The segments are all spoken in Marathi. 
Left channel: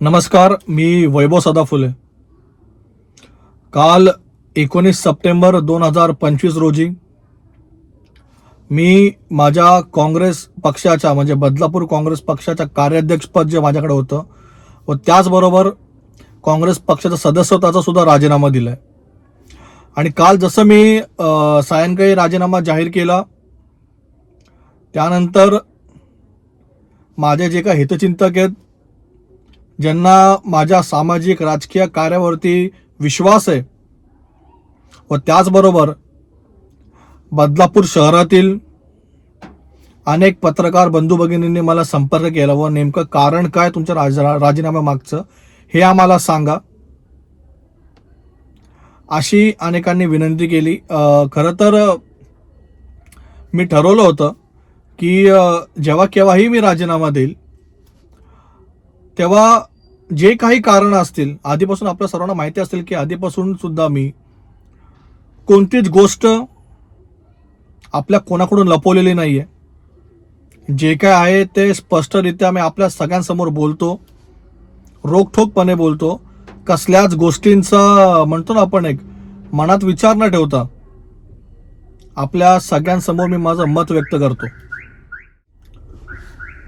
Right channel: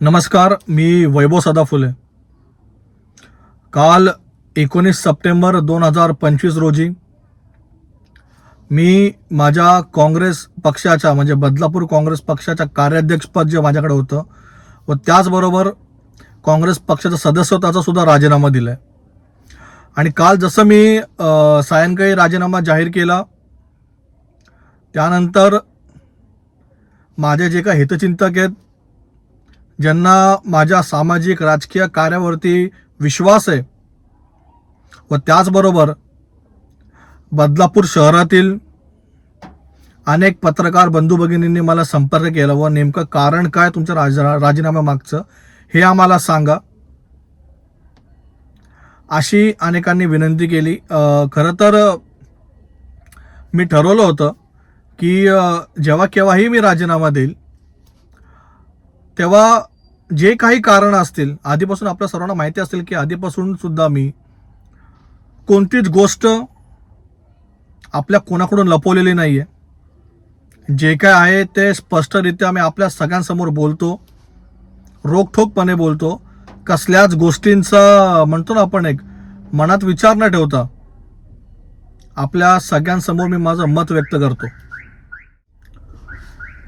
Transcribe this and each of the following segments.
नमस्कार मी वैभव सदाफुले. काल एकोणीस सप्टेंबर दोन हजार पंचवीस रोजी मी माझ्या काँग्रेस पक्षाच्या म्हणजे बदलापूर काँग्रेस पक्षाच्या कार्याध्यक्षपद जे माझ्याकडे होतं व त्याचबरोबर काँग्रेस पक्षाचा सदस्यत्वाचा सुद्धा राजीनामा दिला आहे आणि काल जसं मी सायंकाळी राजीनामा जाहीर केला त्यानंतर माझे जे काही हितचिंतक आहेत ज्यांना माझ्या सामाजिक राजकीय कार्यावरती विश्वास आहे. व त्याचबरोबर बदलापूर शहरातील अनेक पत्रकार बंधू भगिनींनी मला संपर्क केला व नेमकं कारण काय तुमच्या राज राजीनाम्यामागचं हे आम्हाला सांगा. अशी अनेकांनी विनंती केली. खरं तर मी ठरवलं होतं की जेव्हा केव्हाही मी राजीनामा देईल तेव्हा जे काही कारण असतील आधीपासून आपल्या सर्वांना माहिती असेल की आधीपासून सुद्धा मी कोणतीच गोष्ट आपल्या कोणाकडून लपवलेली नाही आहे जे काय आहे ते स्पष्टरित्या मी आपल्या सगळ्यांसमोर बोलतो रोखठोकपणे बोलतो. कसल्याच गोष्टींचा म्हणतो ना आपण एक मनात विचार न ठेवता आपल्या सगळ्यांसमोर मी माझं मत व्यक्त करतो.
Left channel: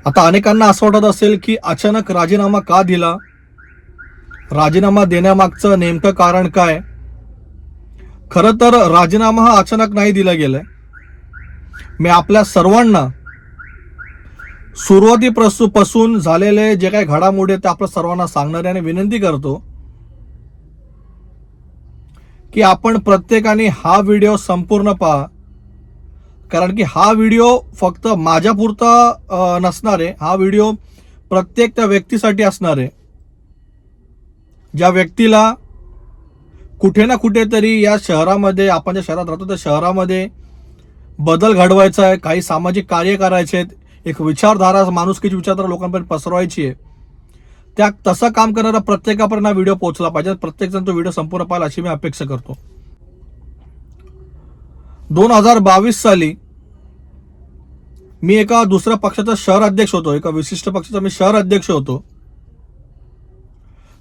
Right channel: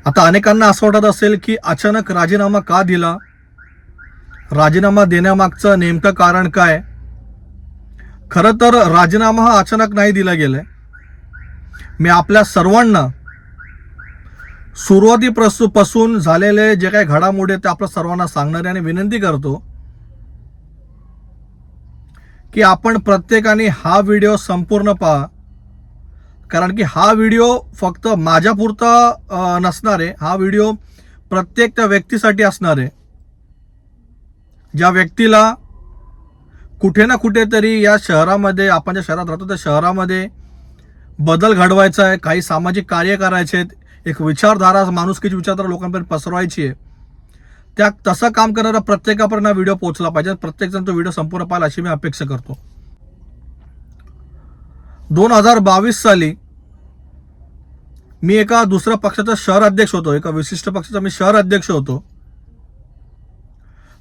आता अनेकांना असं वाटत असेल की अचानक राजीनामा का दिला? राजीनामा देण्यामागचं नेमकं कारण काय? खरं तर राजीनामा हा अचानक नाही दिला गेलाय. मी आपल्या सर्वांना सुरुवातीपासून झालेले जे काही घडामोडी आहेत ते आपल्या सर्वांना सांगणारे आणि विनंती करतो की आपण प्रत्येकाने हा व्हिडिओ संपूर्ण पहा. कारण की हा व्हिडिओ फक्त माझ्यापुरता नसणार आहे हा व्हिडिओ प्रत्येक त्या व्यक्तीसाठी असणार. आहे ज्या व्यक्तीला कुठे ना कुठेतरी या शहरामध्ये आपण ज्या शहरात राहतो त्या शहरामध्ये बदल घडवायचा आहे काही सामाजिक कार्य करायचे आहेत एक विचारधारा माणुसकीची विचारधारा लोकांपर्यंत पसरवायची आहे त्या तसं काम करणारा प्रत्येकापर्यंत हा व्हिडिओ पोहोचला पाहिजे. प्रत्येकजण तो व्हिडिओ संपूर्ण पाहिला अशी मी अपेक्षा करतो. दोन हजार बावीस साली मी एका दुसऱ्या पक्षाचा शहर अध्यक्ष होतो एका विशिष्ट पक्षाचा मी शहर अध्यक्ष होतो.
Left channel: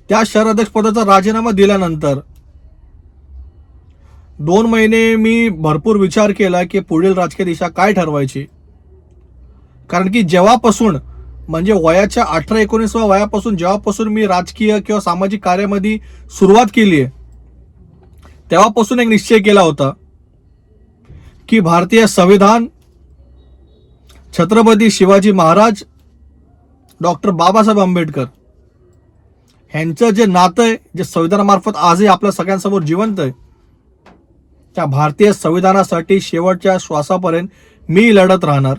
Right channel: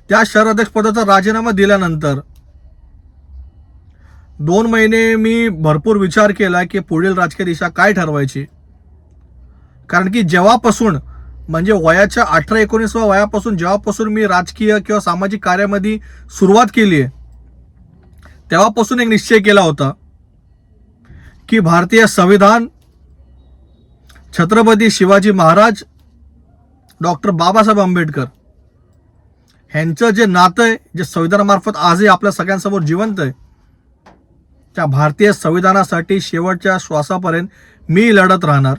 त्या शहर अध्यक्ष पदाचा राजीनामा दिल्यानंतर दोन महिने मी भरपूर विचार केला की पुढील राजकीय दिशा काय ठरवायची. कारण की जेव्हापासून म्हणजे वयाच्या अठरा एकोणीसव्या वयापासून जेव्हापासून मी राजकीय किंवा सामाजिक कार्यामध्ये सुरुवात केली आहे तेव्हापासून एक निश्चय केला होता. की भारतीय संविधान छत्रपती शिवाजी महाराज डॉक्टर बाबासाहेब आंबेडकर ह्यांचं जे नातं आहे जे संविधानामार्फत आजही आपल्या सगळ्यांसमोर जिवंत आहे त्या भारतीय संविधानासाठी शेवटच्या श्वासापर्यंत मी लढत राहणार.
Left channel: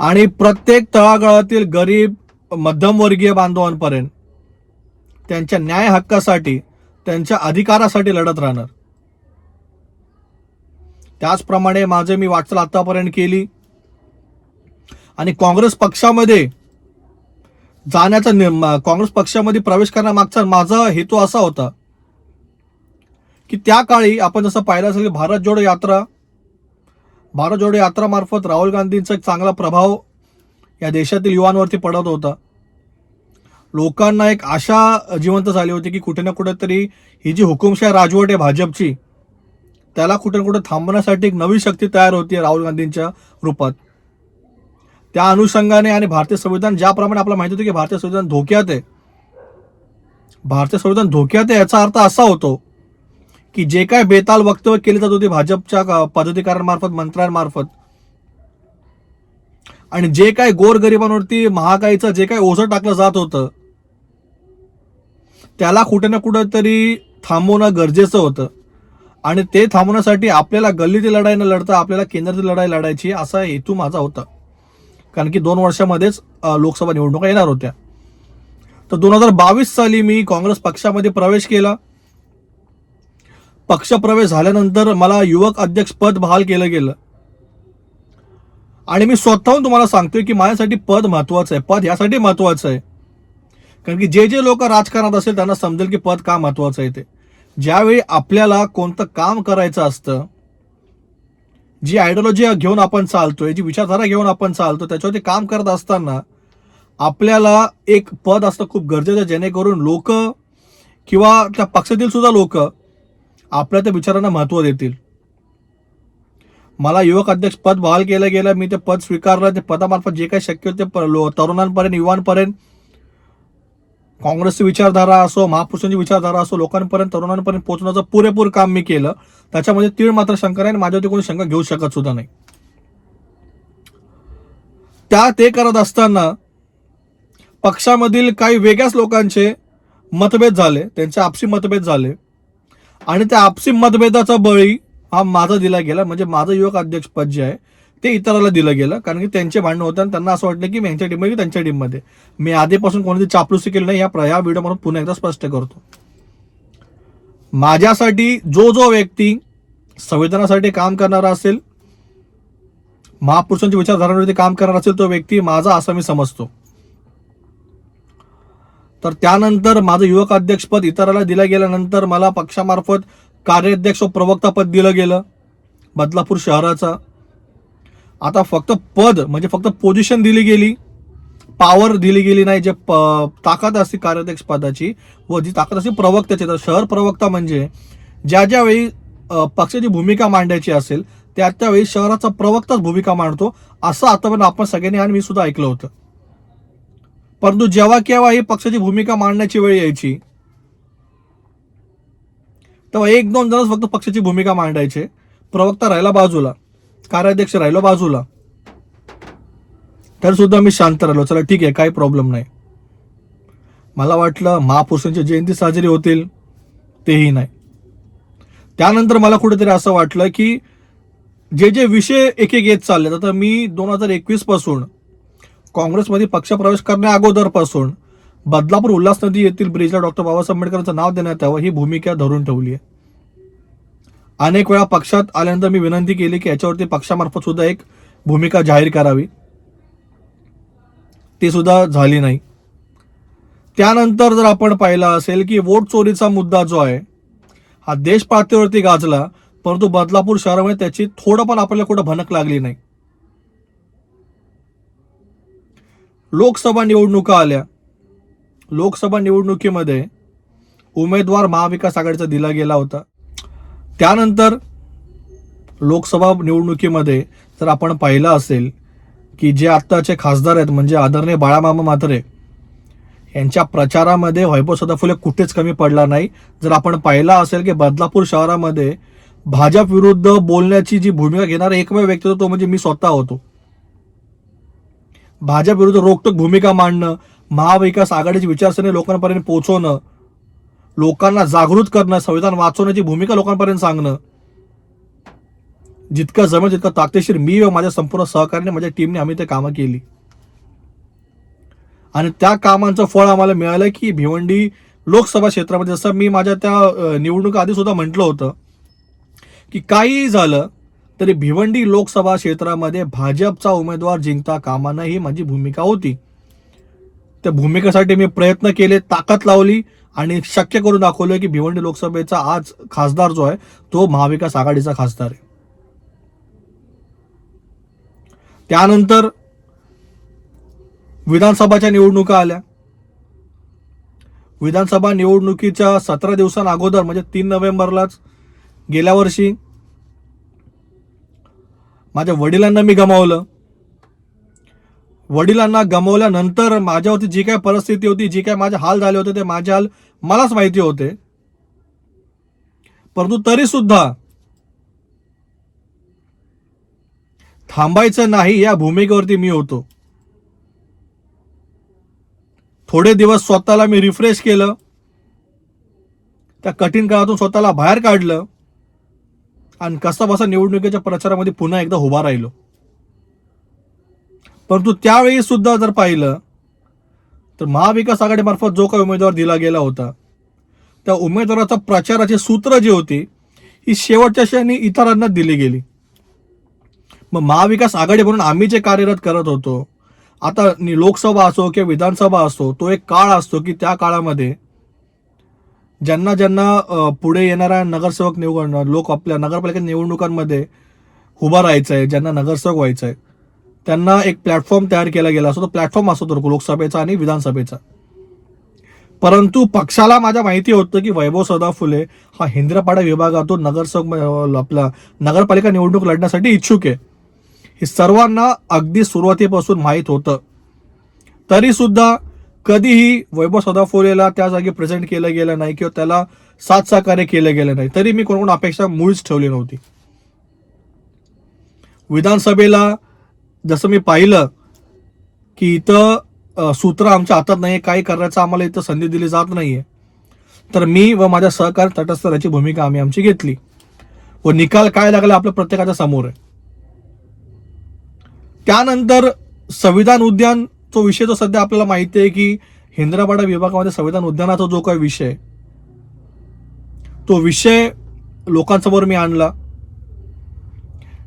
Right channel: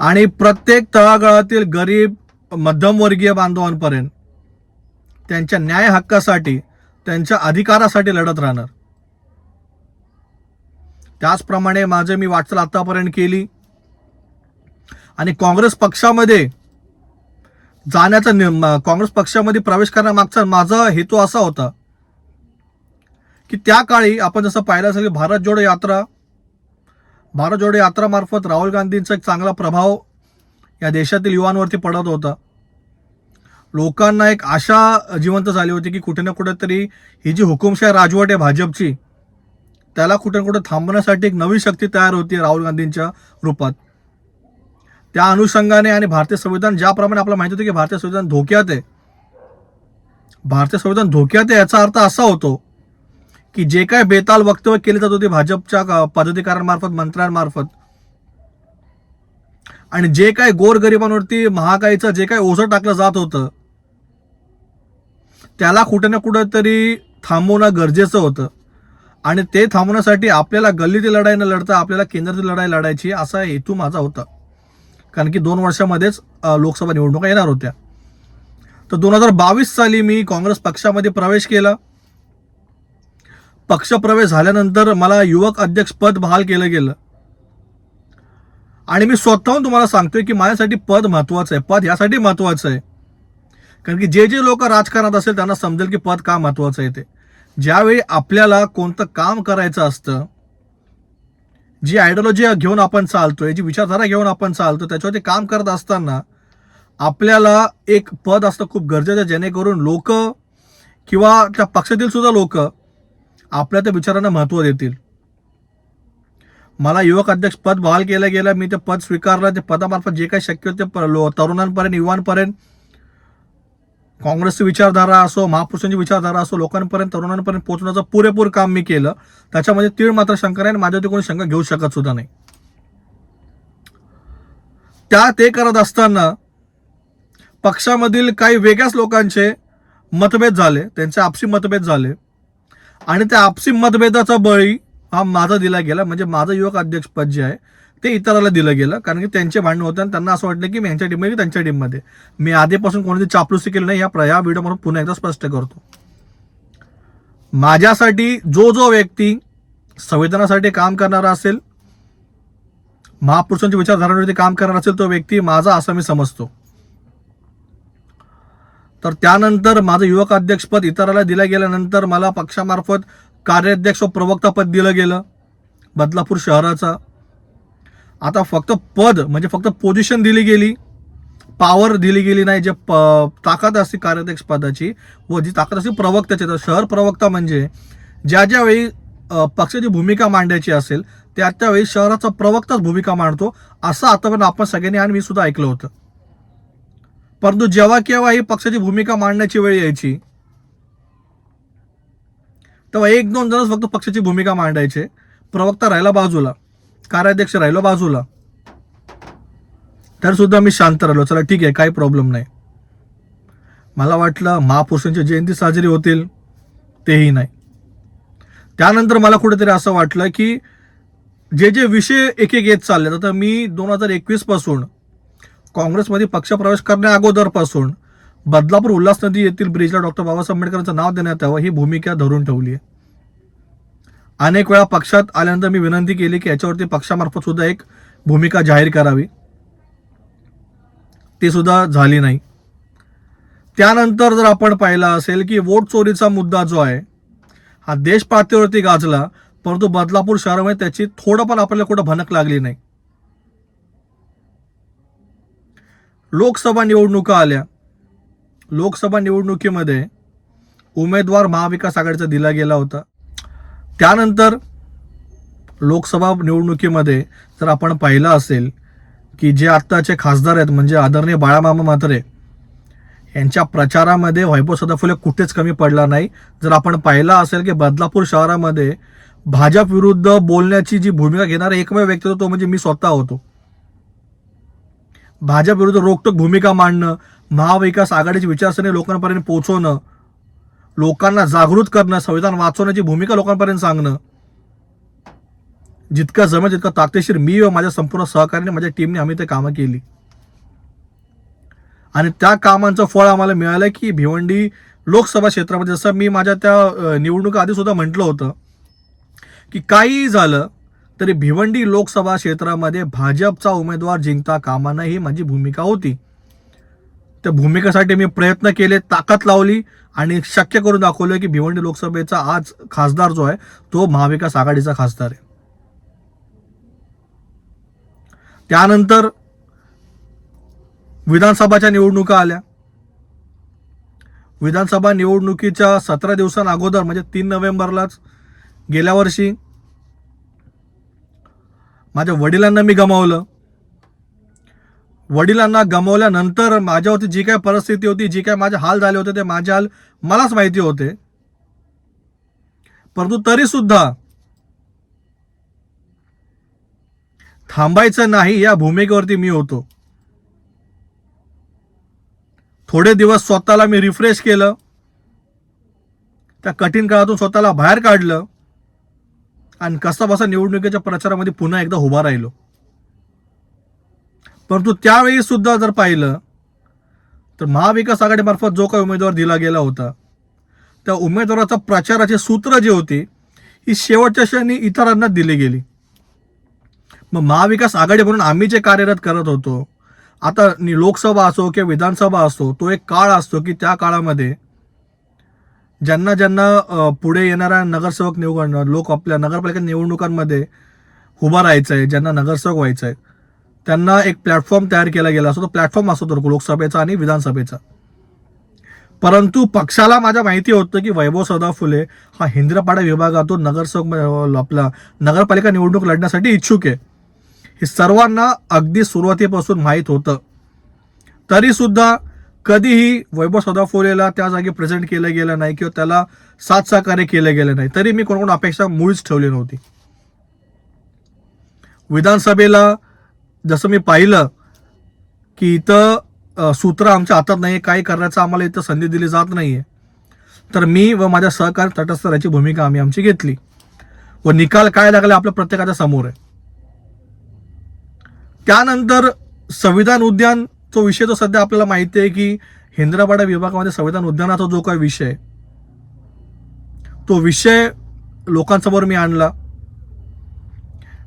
आणि प्रत्येक तळागाळातील गरीब मध्यमवर्गीय बांधवांपर्यंत त्यांच्या न्याय हक्कासाठी त्यांच्या अधिकारासाठी लढत राहणार. त्याचप्रमाणे माझं मी वाटचाल आतापर्यंत केली. आणि काँग्रेस पक्षामध्ये जाण्याचा काँग्रेस पक्षामध्ये प्रवेश करण्यामागचा माझा हेतू असा होता की त्या काळी आपण जसं पाहिलं असेल की भारत जोडो यात्रा भारत जोडो यात्रामार्फत राहुल गांधींचा एक चांगला प्रभाव या देशातील युवांवरती पडत होता. लोकांना एक आशा जिवंत झाली होती की कुठे ना कुठेतरी ही जी हुकुमशाही राजवट आहे भाजपची त्याला कुठे ना कुठे थांबवण्यासाठी एक नवी शक्ती तयार होती राहुल गांधींच्या रूपात. त्या अनुषंगाने आणि भारतीय संविधान ज्याप्रमाणे आपल्याला माहिती होतं की भारतीय संविधान धोक्यात आहे. भारतीय संविधान धोक्यात आहे याचा अर्थ असा होतो की जे काय बेताल वक्तव्य केले जात होते भाजपच्या क- पदाधिकाऱ्यांमार्फत मंत्र्यांमार्फत आणि जे काय गोरगरिबांवरती महागाईचं जे काय ओझं टाकलं जात होतं त्याला कुठे ना कुठं तरी थांबवणं गरजेचं होतं. आणि ते थांबवण्यासाठी आपल्याला गल्लीतील लढाई न लढता आपल्याला केंद्रातील लढाई लढायची असा हेतू माझा होता. कारण की दोन वर्षामध्येच लोकसभा निवडणुका येणार होत्या. तर दोन हजार बावीस साली मी काँग्रेस पक्षामध्ये प्रवेश केला. पक्षप्रवेश झाल्यानंतर मला युवक अध्यक्ष पद बहाल केलं गेलं. आणि मी स्वतःहून तुम्हाला सांगतोय की माझ्यासाठी पद महत्वाचं आहे. पद यासाठी महत्वाचं आहे. कारण की जे जे लोक राजकारणात असेल त्यांना समजेल की पद का महत्वाचं आहे ते. ज्यावेळी आपल्याला कोणतं काम करायचं असतं जी आयडिओलॉजी घेऊन आपण चालतोय जी विचारधारा घेऊन आपण चालतो त्याच्यावरती काम करत असताना आपल्याला एक पद असतं खूप गरजेचं जेणेकरून लोक किंवा त्या पक्षातील सुद्धा लोक आपल्या त्या विचारांना महत्त्व देतील. मला युवक अध्यक्ष पद बहाल केलं गेलं मी ते पद स्वीकारलं ते पदामार्फत जे काही शक्य होते लो- तरुणांपर्यंत युवांपर्यंत काँग्रेसची विचारधारा असो महापुरुषांची विचारधारा असो लोकांपर्यंत तरुणांपर्यंत पोहोचण्याचं पुरेपूर काम मी केलं. त्याच्यामध्ये तीळ मात्र शंका नाही आणि माझ्यावरती कोणी शंका घेऊ शकत सुद्धा नाही. त्या ते करत असताना पक्षामधील काही वेगळ्याच लोकांचे मतभेद झाले. त्यांचे आपसी मतभेद झाले. आणि त्या आपसी मतभेदाचा बळी हा माझा दिला गेला. म्हणजे माझं युवक अध्यक्षपद जे आहे ते इतराला दिलं गेलं कारण की त्यांचे भांडणं होतं आणि त्यांना असं वाटलं की मी यांच्या टीममध्ये त्यांच्या टीममध्ये मी आधीपासून कोणती चापलुसी केली नाही या प्रया या व्हिडिओ पुन्हा एकदा स्पष्ट करतो. माझ्यासाठी जो जो व्यक्ती संविधानासाठी काम करणारा असेल महापुरुषांच्या विचारधारांवरती काम करणार असेल तो व्यक्ती माझा असं मी समजतो. तर त्यानंतर माझं युवक अध्यक्षपद इतराला दिलं गेल्यानंतर मला पक्षामार्फत कार्याध्यक्ष व प्रवक्ता पद दिलं गेलं बदलापूर शहराचं. आता फक्त पद म्हणजे फक्त पोझिशन दिली गेली पॉवर दिली गेली नाही जे प- ताकद असते कार्याध्यक्ष पदाची व जी ताकद असते प्रवक्त्याची. तर शहर प्रवक्ता म्हणजे ज्या ज्या वेळी पक्षाची भूमिका मांडायची असेल त्या त्यावेळी शहराचा प्रवक्ताच भूमिका मांडतो असं आतापर्यंत आपण सगळ्यांनी आणि मी सुद्धा ऐकलं होतं. परंतु जेव्हा केव्हा ही पक्षाची भूमिका मांडण्याची वेळ यायची तेव्हा एक दोन जणच फक्त पक्षाची भूमिका मांडायचे प्रवक्ता राहिला बाजूला. कार्याध्यक्ष राहिलो बाजूला तर सुद्धा मी शांत राहिलो. चला ठीक आहे काही प्रॉब्लेम नाही. मला वाटलं महापुरुषांची जयंती साजरी होतील तेही नाही. त्यानंतर मला कुठेतरी असं वाटलं की जे जे विषय एक एक येत चालले आता मी दोन हजार एकवीसपासून काँग्रेसमध्ये पक्षप्रवेश करण्या अगोदरपासून बदलापूर उल्हास नदी येथील ब्रिजला डॉक्टर बाबासाहेब आंबेडकरांचं नाव देण्यात यावं ही भूमिका धरून ठेवली आहे. अनेक वेळा पक्षात आल्यानंतर मी विनंती केली की याच्यावरती पक्षामार्फत सुद्धा एक भूमिका जाहीर करावी. ती सुद्धा झाली नाही. त्यानंतर जर आपण पाहिलं असेल की वोट चोरीचा मुद्दा जो आहे हा देश पातळीवरती गाजला परंतु बदलापूर शहरामध्ये त्याची थोडं पण आपल्याला कुठं भनक लागली नाही. लोकसभा निवडणुका आल्या. लोकसभा निवडणुकीमध्ये उमेदवार महाविकास आघाडीचा दिला गेला होता. त्यानंतर लोकसभा निवडणुकीमध्ये जर आपण पाहिलं असेल की जे आत्ताचे खासदार आहेत म्हणजे आदरणीय बाळामामा म्हात्रे यांच्या प्रचारामध्ये वैभव सदाफुले कुठेच कमी पडला नाही. जर आपण पाहिलं असेल की बदलापूर शहरामध्ये भाजप विरुद्ध बोलण्याची जी भूमिका घेणारा एकमेव व्यक्ती होतो तो म्हणजे मी स्वतः होतो. भाजप विरुद्ध रोखटोक भूमिका मांडणं महाविकास आघाडीची विचारसरणी लोकांपर्यंत पोहोचवणं लोकांना जागृत करणं संविधान वाचवण्याची भूमिका लोकांपर्यंत सांगणं. जितकं जमेल तितकं ताकदेशीर मी व माझ्या संपूर्ण सहकार्याने माझ्या टीमने आम्ही ते कामं केली. आणि त्या कामांचं फळ आम्हाला मिळालं की भिवंडी लोकसभा क्षेत्रामध्ये जसं मी माझ्या त्या निवडणुका आधी सुद्धा म्हटलं होतं की काहीही झालं तरी भिवंडी लोकसभा क्षेत्रामध्ये भाजपचा उमेदवार जिंकता कामा नये ही माझी भूमिका होती. त्या भूमिकेसाठी मी प्रयत्न केले ताकद लावली आणि शक्य करून दाखवलं की भिवंडी लोकसभेचा आज खासदार जो आहे तो महाविकास आघाडीचा खासदार आहे. त्यानंतर विधानसभाच्या निवडणुका आल्या. विधानसभा निवडणुकीच्या सतरा दिवसांअगोदर म्हणजे तीन नोव्हेंबरलाच गेल्या वर्षी माझ्या वडिलांना मी गमावलं. वडिलांना गमावल्यानंतर माझ्यावरती जी काय परिस्थिती होती जी काय माझे हाल झाले होते ते माझे हाल मलाच माहिती होते. परंतु तरी सुद्धा थांबायचं नाही या भूमिकेवरती मी होतो. थोडे दिवस स्वतःला मी रिफ्रेश केलं. त्या कठीण काळातून स्वतःला बाहेर काढलं. आणि कसं बसा निवडणुकीच्या प्रचारामध्ये पुन्हा एकदा उभा राहिलो. परंतु त्यावेळी सुद्धा जर पाहिलं तर महाविकास आघाडीमार्फत जो काही उमेदवार दिला गेला होता त्या उमेदवाराचा प्रचाराचे सूत्र जी होती ही शेवटच्या क्षणी इतरांना दिली गेली. मग महाविकास आघाडी म्हणून आम्ही जे कार्यरत करत होतो आता लोकसभा असो किंवा विधानसभा असो तो एक काळ असतो की त्या काळामध्ये ज्यांना ज्यांना पुढे येणाऱ्या नगरसेवक निवडणं लोक आपल्या नगरपालिका निवडणुकांमध्ये उभा राहायचं आहे ज्यांना नगरसेवक व्हायचं आहे त्यांना एक प्लॅटफॉर्म तयार केला गेला असतो. तो प्लॅटफॉर्म असतो तो लोकसभेचा आणि विधानसभेचा. परंतु पक्षाला माझ्या माहिती होतं की वैभव सदा फुले हा हिंद्रपाडा विभागातून नगरसेवक आपला नगरपालिका निवडणूक लढण्यासाठी इच्छुक आहे. हे सर्वांना अगदी सुरुवातीपासून माहीत होतं. तरीसुद्धा कधीही वैभव सदाफुलेला त्या जागी प्रेझेंट केलं गेलं नाही किंवा त्याला साथ सहकार्य केलं गेलं नाही तरी मी कोणकोण अपेक्षा मुळीच ठेवली नव्हती. विधानसभेला जसं मी पाहिलं की इथं सूत्र आमच्या हातात नाही काय करण्याचं आम्हाला इथं संधी दिली जात नाहीये. तर मी व माझ्या सहकार तटस्थ राहायची भूमिका आम्ही आमची घेतली. व निकाल काय लागला आपल्या प्रत्येकाच्या समोर आहे. त्यानंतर संविधान उद्यान तो विषय तो सध्या आपल्याला माहिती आहे की हिंद्रापाडा विभागामध्ये संविधान उद्यानाचा जो काही विषय तो विषय लोकांसमोर मी आणला.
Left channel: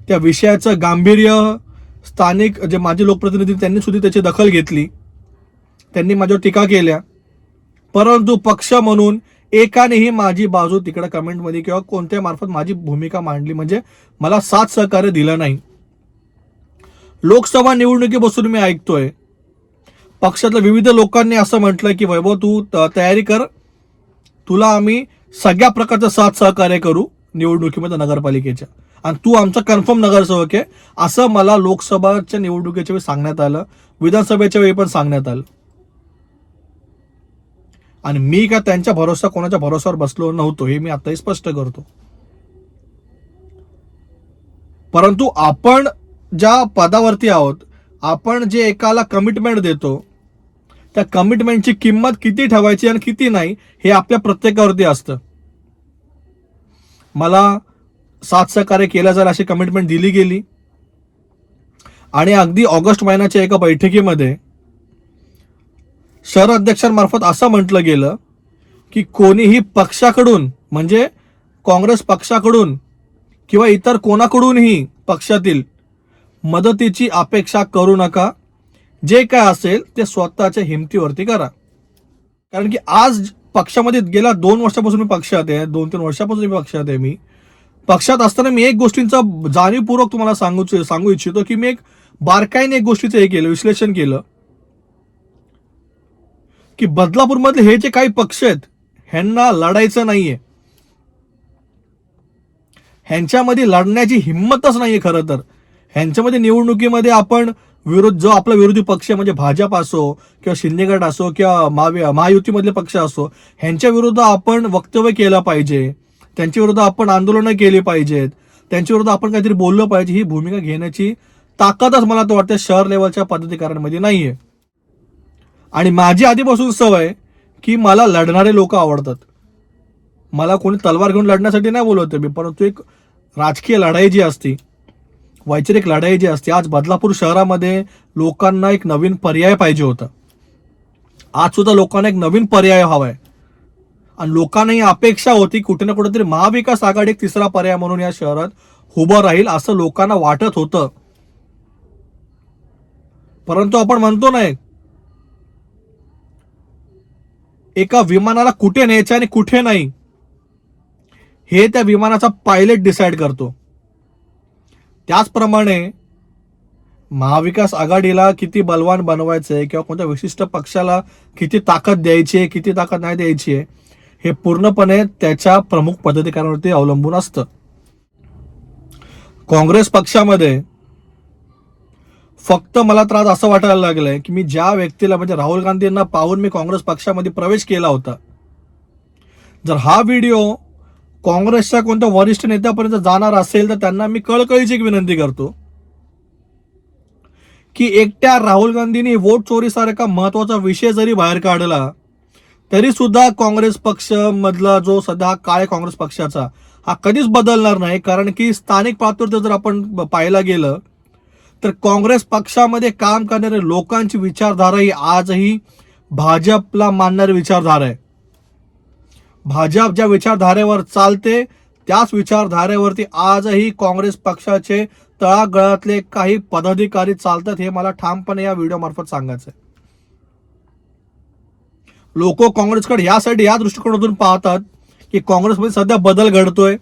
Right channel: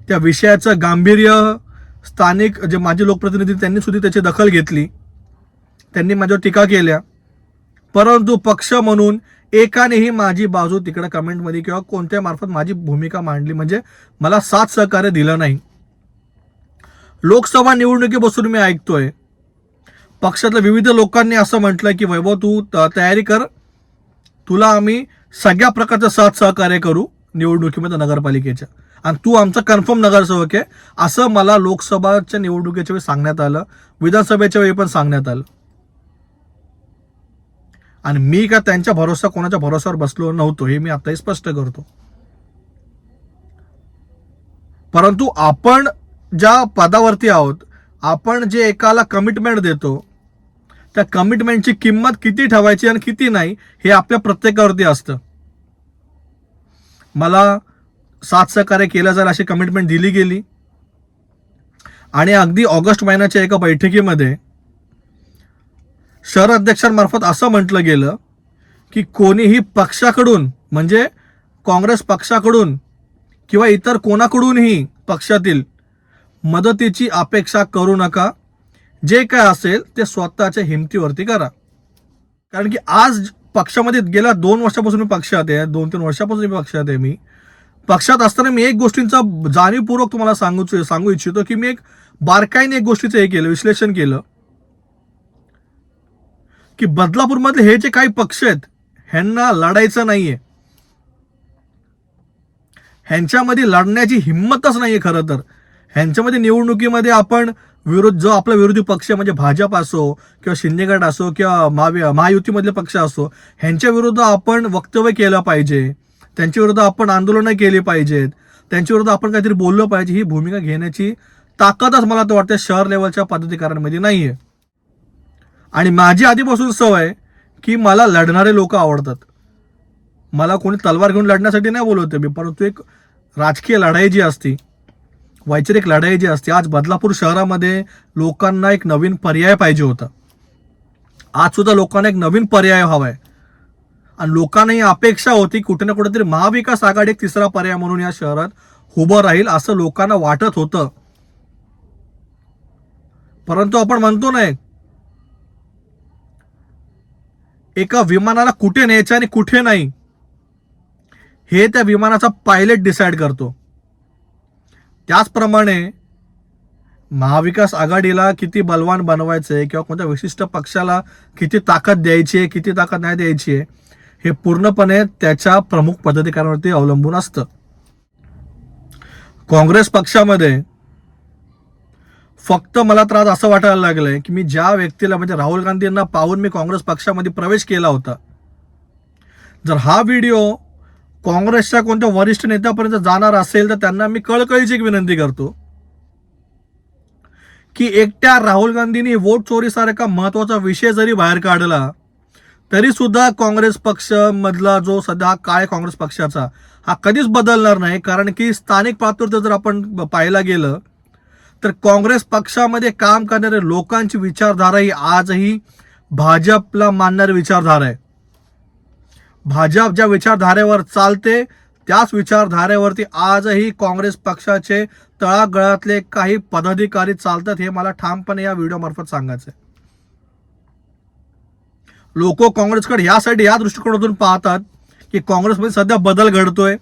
त्या विषयाचं गांभीर्य स्थानिक जे माजी लोकप्रतिनिधी त्यांनी सुद्धा त्याची दखल घेतली. त्यांनी माझ्यावर टीका केल्या. परंतु पक्ष म्हणून एकानेही माझी बाजू तिकडे कमेंटमध्ये किंवा कोणत्या मार्फत माझी भूमिका मांडली म्हणजे मला साथ सहकार्य दिलं नाही. लोकसभा निवडणुकीपासून मी ऐकतोय. पक्षातल्या विविध लोकांनी असं म्हटलं की वैभव तू त- तयारी कर. तुला आम्ही सगळ्या प्रकारचं साथ सहकार्य करू निवडणुकीमध्ये नगरपालिकेच्या. आणि तू आमचा कन्फर्म नगरसेवक आहे. असं मला लोकसभाच्या निवडणुकीच्या वेळी सांगण्यात आलं. विधानसभेच्या वेळी पण सांगण्यात आलं. आणि मी का त्यांच्या भरोसा कोणाच्या भरोश्यावर बसलो नव्हतो हे मी आताही स्पष्ट करतो. परंतु आपण ज्या पदावरती आहोत आपण जे एकाला कमिटमेंट देतो त्या कमिटमेंटची किंमत किती ठेवायची आणि किती नाही हे आपल्या प्रत्येकावरती असतं. मला साथ सहकार्य केलं जाईल अशी कमिटमेंट दिली गेली. आणि अगदी ऑगस्ट महिन्याच्या एका बैठकीमध्ये शहर अध्यक्षांमार्फत असं म्हटलं गेलं की कोणीही पक्षाकडून म्हणजे काँग्रेस पक्षाकडून किंवा इतर कोणाकडूनही पक्षातील मदतीची अपेक्षा करू नका. जे काय असेल ते स्वतःच्या हिमतीवरती करा. कारण की आज पक्षामध्ये गेल्या दोन वर्षापासून मी पक्षात आहे दोन तीन वर्षापासून मी पक्षात आहे मी. पक्षात असताना मी एक गोष्टींचा जाणीवपूर्वक तुम्हाला सांगू सांगू इच्छितो की मी एक बारकाईने एक गोष्टीचं हे केलं विश्लेषण केलं. की बदलापूरमधले हे जे काही पक्ष आहेत ह्यांना लढायचं नाहीये. ह्यांच्यामध्ये लढण्याची हिंमतच नाहीये खरं तर. ह्यांच्यामध्ये निवडणुकीमध्ये आपण विरोध जो आपला विरोधी पक्ष म्हणजे भाजप असो किंवा शिंदेगड असो किंवा महायुतीमधले पक्ष असो ह्यांच्या विरुद्ध आपण वक्तव्य केलं पाहिजे. त्यांच्याविरुद्ध आपण आंदोलनं केली पाहिजेत. त्यांच्याविरुद्ध आपण काहीतरी बोललं पाहिजे. ही भूमिका घेण्याची ताकदच मला तर वाटते शहर लेवलच्या पदाधिकाऱ्यांमध्ये आहे आणि माझी आधीपासून सवय की मला लढणारे लोक आवडतात. मला कोणी तलवार घेऊन लढण्यासाठी नाही बोलवते मी परंतु एक राजकीय लढाई जी असती वैचारिक लढाई जी असते आज बदलापूर शहरामध्ये लोकांना एक नवीन पर्याय पाहिजे होता. आज सुद्धा लोकांना एक नवीन पर्याय हवा आहे आणि लोकांना ही अपेक्षा होती कुठे ना कुठेतरी महाविकास आघाडी एक तिसरा पर्याय म्हणून या शहरात उभं राहील असं लोकांना वाटत होतं. परंतु आपण म्हणतो ना एका विमानाला कुठे न्यायचं आणि कुठे नाही हे त्या विमानाचा पायलट डिसाईड करतो. त्याचप्रमाणे महाविकास आघाडीला किती बलवान बनवायचं आहे किंवा कोणत्या विशिष्ट पक्षाला किती ताकद द्यायची आहे किती ताकद नाही द्यायची आहे हे पूर्णपणे त्याच्या प्रमुख पदाधिकाऱ्यांवरती अवलंबून असतं. काँग्रेस पक्षामध्ये फक्त मला त्रास असं वाटायला लागलंय की मी ज्या व्यक्तीला म्हणजे राहुल गांधींना पाहून मी काँग्रेस पक्षामध्ये प्रवेश केला होता जर हा व्हिडिओ काँग्रेसच्या कोणत्या वरिष्ठ नेत्यापर्यंत जाणार असेल तर त्यांना मी कळकळीची विनंती करतो की एकट्या राहुल गांधींनी वोट चोरीसारखा महत्त्वाचा विषय जरी बाहेर काढला तरी सुद्धा काँग्रेस पक्ष मधला जो सध्या काय काँग्रेस पक्षाचा हा कधीच बदलणार नाही. कारण की स्थानिक पातळीवर जर आपण पाहायला गेलं तर काँग्रेस पक्षामध्ये काम करणाऱ्या लोकांची विचारधारा ही आजही भाजपला मानणारी विचारधारा आहे. भाजप ज्या विचारधारेवर चालते त्याच विचारधारेवरती आजही काँग्रेस पक्षाचे तळागळातले काही पदाधिकारी चालतात हे मला ठामपणे या व्हिडिओमार्फत सांगायचं आहे लोक काँग्रेसकडे यासाठी या दृष्टिकोनातून पाहतात की काँग्रेसमध्ये सध्या बदल घडतोय.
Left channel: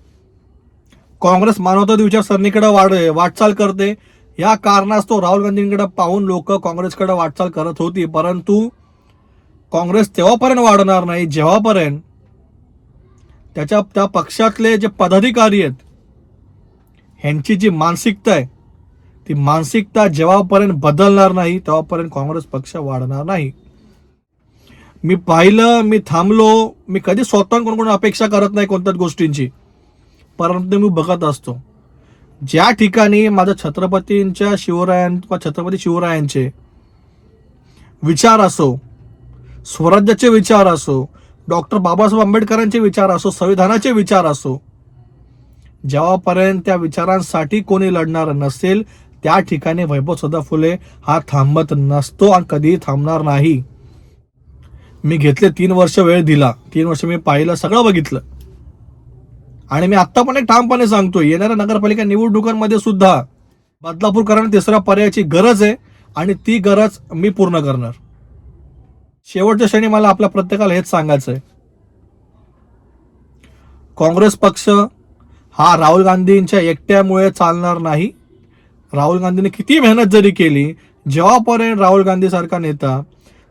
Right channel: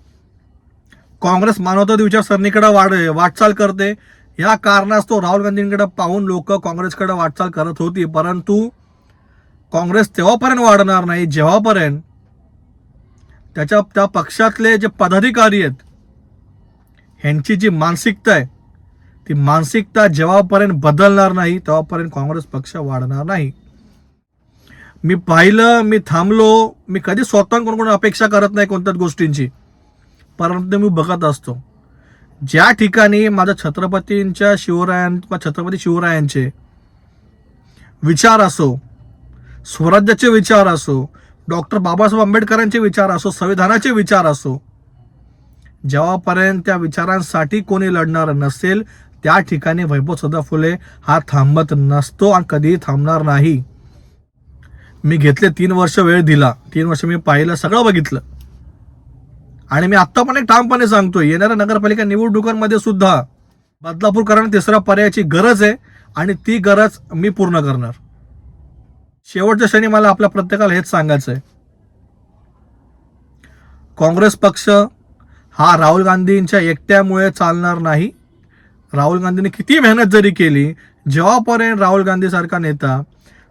काँग्रेस मानवतावादी विचारसरणीकडे वाढ वाटचाल करते. या कारणास्तव राहुल गांधींकडे पाहून लोक काँग्रेसकडे वाटचाल करत होती. परंतु काँग्रेस तेव्हापर्यंत वाढणार नाही जेव्हापर्यंत त्याच्या त्या पक्षातले जे पदाधिकारी आहेत ह्यांची जी मानसिकता आहे ती मानसिकता जेव्हापर्यंत बदलणार नाही तेव्हापर्यंत काँग्रेस पक्ष वाढणार नाही. मी पाहिलं मी थांबलो मी कधी स्वतः कोण अपेक्षा करत नाही कोणत्याच गोष्टींची. परंतु मी बघत असतो. ज्या ठिकाणी माझ्या छत्रपतींच्या शिवरायां छत्रपती शिवरायांचे विचार असो स्वराज्याचे विचार असो डॉक्टर बाबासाहेब आंबेडकरांचे विचार असो संविधानाचे विचार असो जेव्हापर्यंत त्या विचारांसाठी कोणी लढणार नसेल त्या ठिकाणी वैभव सदा फुले हा थांबत नसतो आणि कधीही थांबणार नाही. मी घेतले तीन वर्ष वेळ दिला. तीन वर्ष मी पाहिलं सगळं बघितलं. आणि मी आत्ता पण एक ठामपणे सांगतो येणाऱ्या नगरपालिका निवडणुकांमध्ये सुद्धा बदलापूरकरांना तिसऱ्या पर्यायाची गरज आहे आणि ती गरज मी पूर्ण करणार. शेवटच्या क्षणी मला आपल्या प्रत्येकाला हेच सांगायचं आहे. काँग्रेस पक्ष हा राहुल गांधींच्या एकट्यामुळे चालणार नाही. राहुल गांधींनी किती मेहनत जरी केली जेव्हापर्यंत राहुल गांधीसारखा नेता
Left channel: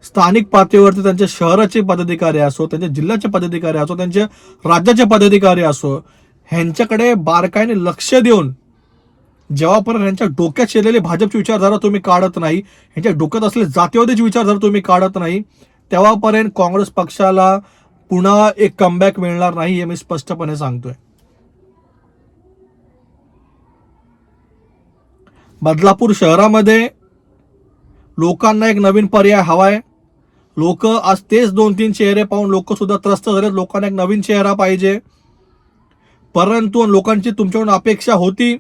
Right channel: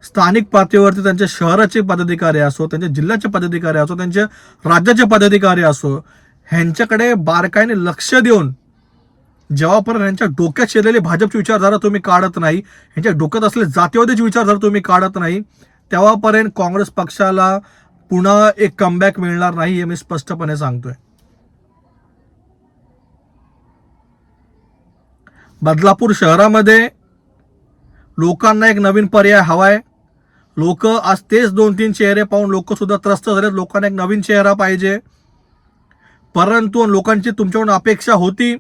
स्थानिक पातळीवरती त्यांच्या शहराचे पदाधिकारी असो त्यांच्या जिल्ह्याचे पदाधिकारी असो त्यांच्या राज्याचे पदाधिकारी असो ह्यांच्याकडे बारकाईने लक्ष देऊन जेव्हापर्यंत यांच्या डोक्यात शिरलेली भाजपची विचारधारा तुम्ही काढत नाही यांच्या डोक्यात असलेले जातीवादीची विचारधारा तुम्ही काढत नाही तेव्हापर्यंत काँग्रेस पक्षाला पुन्हा एक कमबॅक मिळणार नाही हे मी स्पष्टपणे सांगतोय. बदलापूर शहरामध्ये लोकांना एक नवीन पर्याय हवाय. लोक आज तेच दोन तीन चेहरे पाहून लोक सुद्धा त्रस्त झालेत. लोकांना एक नवीन चेहरा पाहिजे. परंतु लोकांची तुमच्याकडून अपेक्षा होती.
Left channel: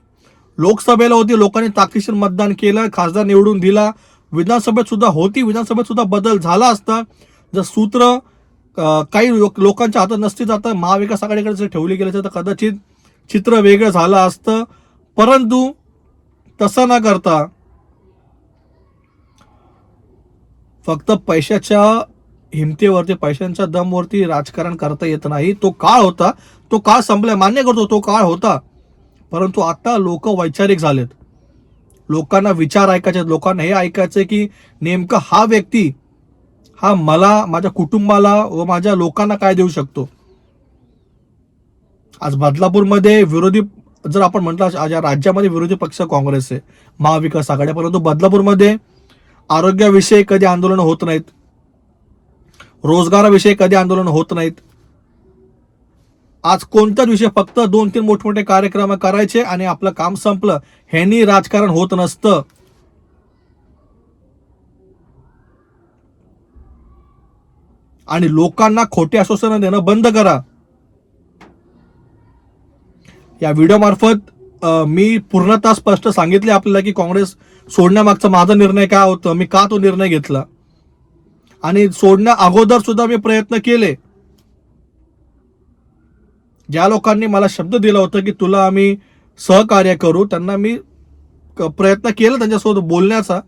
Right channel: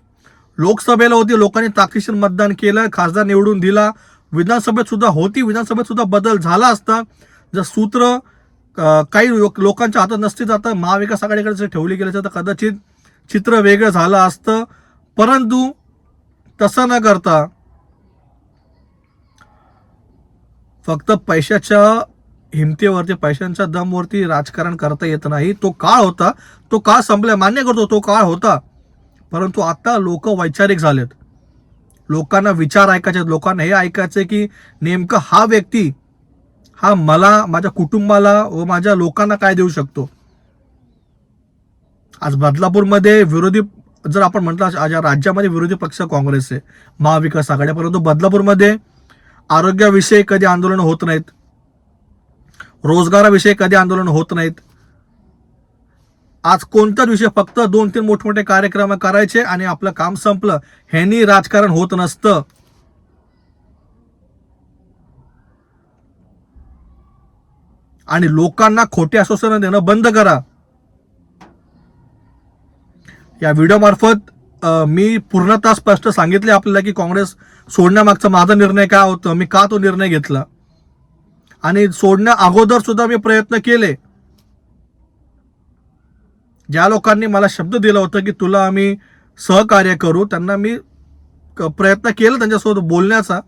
लोकसभेला होती. लोकांनी ताकदीशीर मतदान केलं. खासदार निवडून दिला. विधानसभेत सुद्धा होती. विधानसभेत सुद्धा बदल झाला असता. जर सूत्र काही लोक- लोकांच्या हातात नसती जातं महाविकास आघाडीकडे जर ठेवली गेली तर कदाचित चित्र वेगळं झालं असतं. परंतु तसं न करता फक्त पैशाच्या हिमतीवरती पैशांच्या दमवरती राजकारण करता येत नाही. तो काळ होता. तो काळ संपलाय मान्य करतो तो काळ होता. परंतु आता लोक वैचारिक झालेत. लोकांना विचार ऐकायचे आहेत. लोकांना हे ऐकायचंय की नेमका हा व्यक्ती हा मला माझ्या कुटुंबाला व माझ्या लोकांना काय देऊ शकतो? आज बदलापूरमध्ये विरोधी जर आपण म्हटलं आज राज्यामध्ये विरोधी पक्ष काँग्रेस आहे महाविकास आघाडी परंतु बदलापूरमध्ये आरोग्याविषयी कधी आंदोलन होत नाहीत. रोजगाराविषयी कधी आंदोलन होत नाहीत. आज कोणताच विषय फक्त दोन तीन मोठमोठे कार्यक्रम करायचे आणि आपलं काम संपलं ह्यांनी राजकारण होत नसतं. आणि लोकांना खोटे आश्वासनं देणं बंद करा. या व्हिडिओ मार्फत मी पूर्णतः स्पष्ट सांगितले आपल्याला की काँग्रेस सोडण्यामागचा माझा निर्णय काय होतं? मी का तो निर्णय घेतला? आणि सोडण्या अगोदर सुद्धा मी प्रयत्न केले. ज्या लोकांनी मला शब्द दिला होता की तुला आम्ही सहकार्य करू त्यांना मी क- प्रयत्न केला त्यांच्यासोबत बोलण्याचा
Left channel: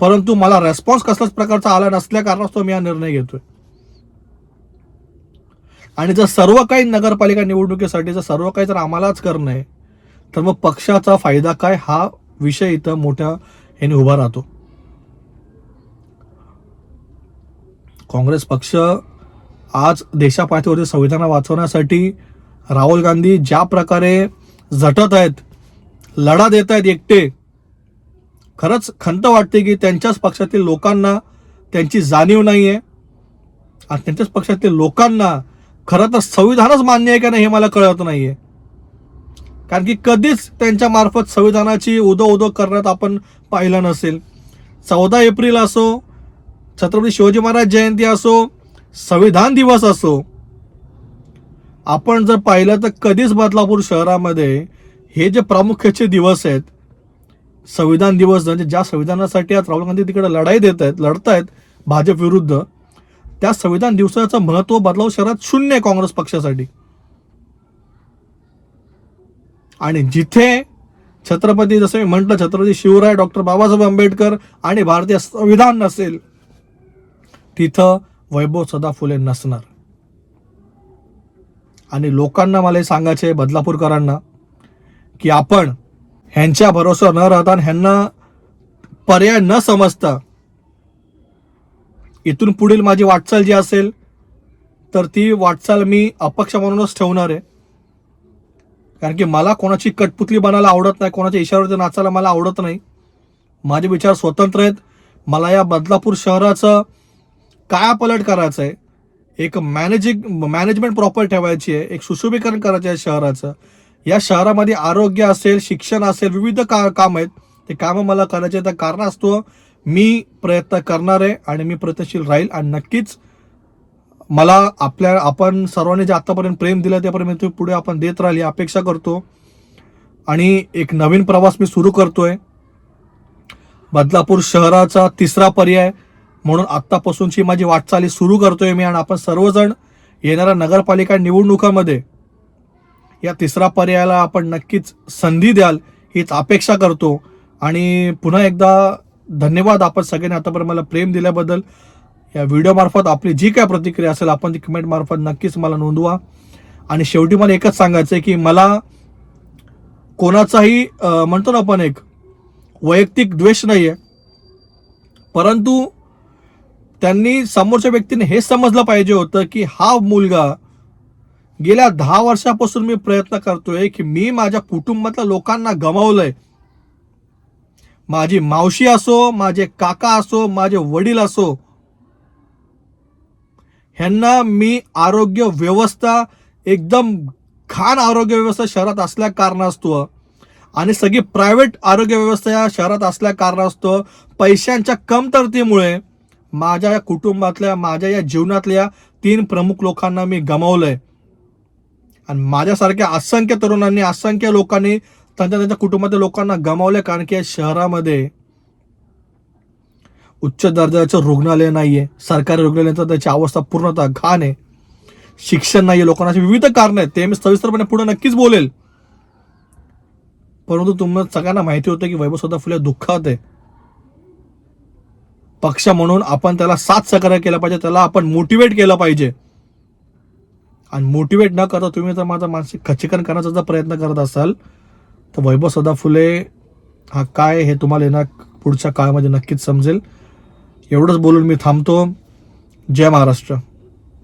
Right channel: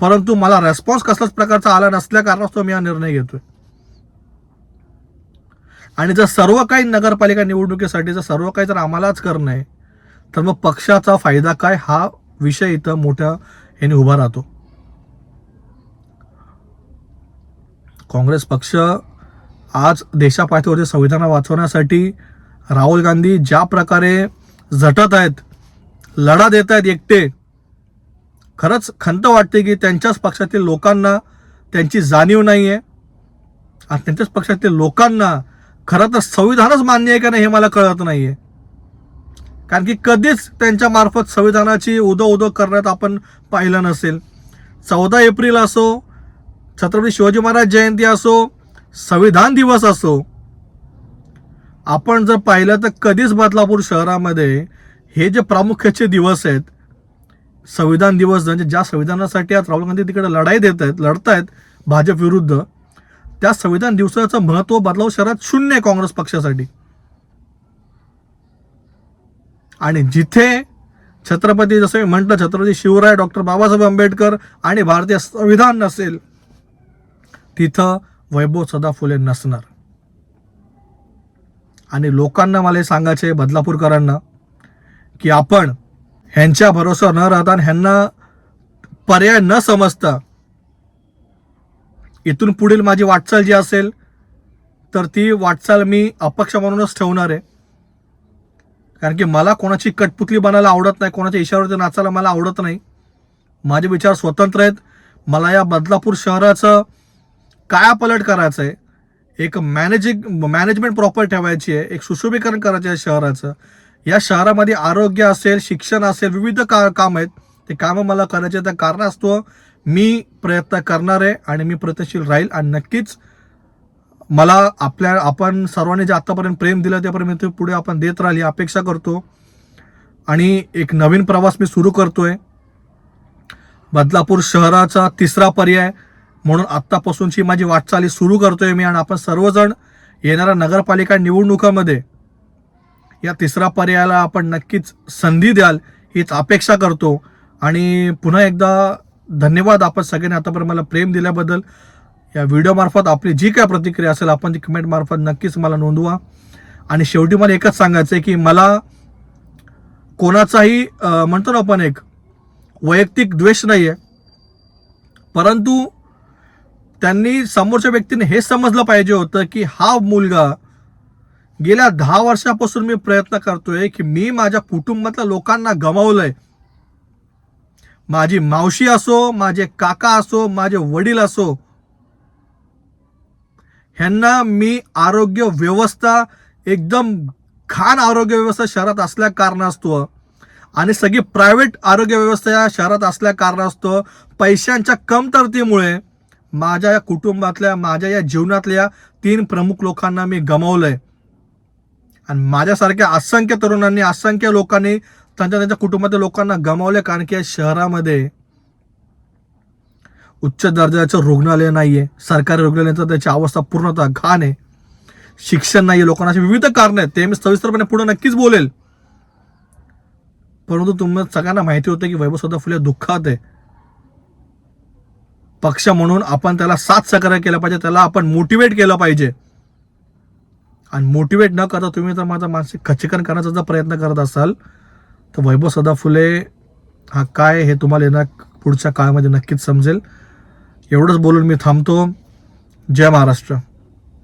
परंतु मला रेस्पॉन्स कसल्याच प्रकारचा आला नसल्या कारणास्तव मी हा निर्णय घेतोय. आणि जर सर्व काही नगरपालिका निवडणुकीसाठी जर सर्व काही जर आम्हालाच करणं आहे तर मग पक्षाचा फायदा काय? हा विषय इथं मोठ्या ह्याने उभा राहतो. काँग्रेस पक्ष आज देशापातळीवरती संविधान वाचवण्यासाठी राहुल गांधी ज्या प्रकारे झटत आहेत लढा देत आहेत एकटे खरंच खंत वाटते की त्यांच्याच पक्षातील लोकांना त्यांची जाणीव नाही आहे आणि त्यांच्याच पक्षातील लोकांना खरं तर संविधानच मान्य आहे का नाही हे मला कळत नाहीये. कारण की कधीच त्यांच्या मार्फत संविधानाची उदो उदो करण्यात आपण पाहिलं नसेल. चौदा एप्रिल असो छत्रपती शिवाजी महाराज जयंती असो संविधान दिवस असो आपण जर पाहिलं तर कधीच बदलापूर शहरामध्ये हे जे प्रामुख्याचे दिवस आहेत संविधान दिवस म्हणजे ज्या संविधानासाठी आज राहुल गांधी तिकडे लढाई देत आहेत लढतायत भाजप विरुद्ध त्या संविधान दिवसाचं महत्त्व बदलाव शहरात शून्य आहे काँग्रेस पक्षासाठी. आणि जिथे छत्रपती जसं मी म्हटलं छत्रपती शिवराय डॉक्टर बाबासाहेब आंबेडकर आणि भारतीय संविधान नसेल तिथं वैभव सदा फुले नसणार. आणि लोकांना मला हे सांगायचं आहे बदलापूरकरांना की आपण ह्यांच्या भरोसा न राहता आणि ह्यांना पर्याय न समजता इथून पुढील माझी वाटचाल जी असेल तर ती वाटचाल मी अपक्ष म्हणूनच ठेवणार आहे. कारण की मला कोणाची कटपुतली बनायला आवडत नाही कोणाच्या इशाऱ्यावरती नाचायला मला आवडत नाही. माझे विचार स्वतंत्र आहेत. मला या बदलापूर शहराचं कायापलट करायचं आहे एक मॅनेजिंग मॅनेजमेंट प्रॉपर ठेवायची आहे एक सुशोभीकरण करायचं आहे शहराचं. या शहरामध्ये आरोग्य असेल शिक्षण असेल विविध का काम आहेत. ते कामं मला करायचे त्या कारणास्तव मी प्रयत्न करणार आहे आणि मी प्रयत्नशील राहील आणि नक्कीच मला आपल्या आपण सर्वांनी जे आतापर्यंत प्रेम दिलं त्यापर्यंत ते पुढे आपण देत राहिली अपेक्षा करतो. आणि एक नवीन प्रवास मी सुरू करतोय. बदलापूर शहराचा तिसरा पर्याय म्हणून आत्तापासूनची माझी वाटचाली सुरू करतोय मी आणि आपण सर्वजण येणाऱ्या नगरपालिका निवडणुकामध्ये या तिसरा पर्यायाला आपण नक्कीच संधी द्याल हीच अपेक्षा करतो. आणि पुन्हा एकदा धन्यवाद आपण सगळ्यांनी आतापर्यंत मला प्रेम दिल्याबद्दल. या व्हिडिओमार्फत आपली जी काय प्रतिक्रिया असेल आपण ती कमेंटमार्फत नक्कीच मला नोंदवा. आणि शेवटी मला एकच सांगायचं आहे की मला कोणाचाही म्हणतो ना आपण एक वैयक्तिक द्वेष नाही आहे परंतु त्यांनी समोरच्या व्यक्तीने हे समजलं पाहिजे होतं की हा मुलगा गेल्या दहा वर्षापासून मी प्रयत्न करतोय की मी माझ्या कुटुंबातल्या लोकांना गमावलंय. माझी मावशी असो माझे काका असो माझे वडील असो ह्यांना मी आरोग्य व्यवस्था एकदम खान आरोग्य व्यवस्था शहरात असल्या कारणास्तव आणि सगळी प्रायव्हेट आरोग्य व्यवस्था या शहरात असल्या कारणास्तव पैशांच्या कमतरतेमुळे माझ्या या कुटुंबातल्या माझ्या या जीवनातल्या तीन प्रमुख लोकांना मी गमावलंय. आणि माझ्यासारख्या असंख्य तरुणांनी असंख्य लोकांनी त्यांच्या त्यांच्या कुटुंबातल्या लोकांना गमावले कारण की या शहरामध्ये उच्च दर्जाचं रुग्णालय नाही आहे सरकारी रुग्णालयाचं त्याची अवस्था पूर्णतः घाण आहे. शिक्षण नाहीये लोकांना अशी विविध कारण आहेत. ते मी सविस्तरपणे पुढे नक्कीच बोलेल. परंतु तुम्हाला सगळ्यांना माहिती होतं की वैभव सदा फुले दुःखात आहे. पक्ष म्हणून आपण त्याला साथ सहकार्य केला पाहिजे त्याला आपण मोटिवेट केलं पाहिजे. आणि मोटिवेट न करता तुम्ही जर माझा मानसिक खच्चीकरण करण्याचा जर प्रयत्न करत असाल तर वैभव सदा फुले हा काय हे तुम्हाला येणार पुढच्या काळामध्ये नक्कीच समजेल. एवढंच बोलून मी थांबतो. जय महाराष्ट्र.